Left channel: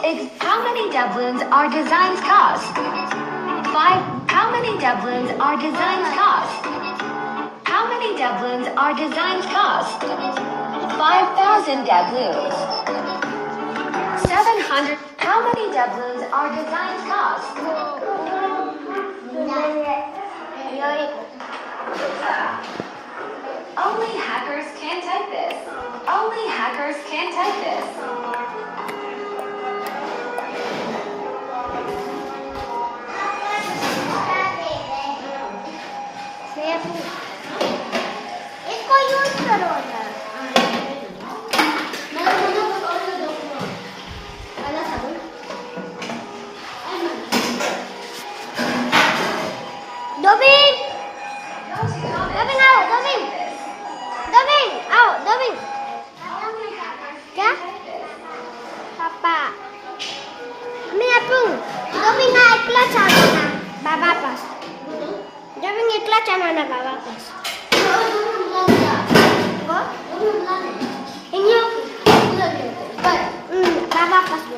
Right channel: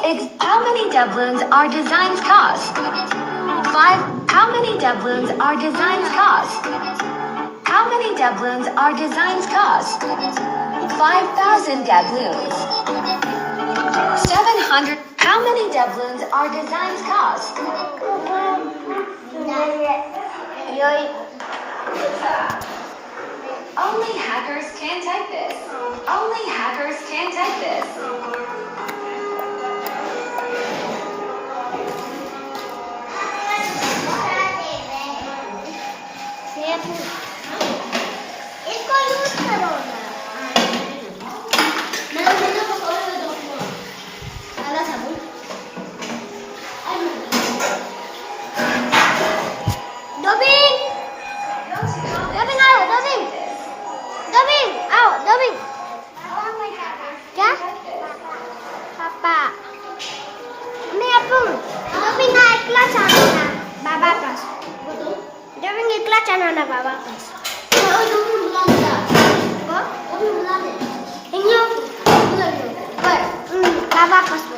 How many doubloons are designs cost? 5. How many doubloons are designs cost? How many doubloons are designs cost? 5,000 doubloons. 700. How many doubloons are designs cost? Only hackers can type this. Only hackers can type this. इसको use करो ना Dobin आओ Dobin आओ Dobin क्या पापा मी Apple Dobin हा एकला चालू ना बाबा पास Dobin एकला चालू ना बाबा पास Bapak pas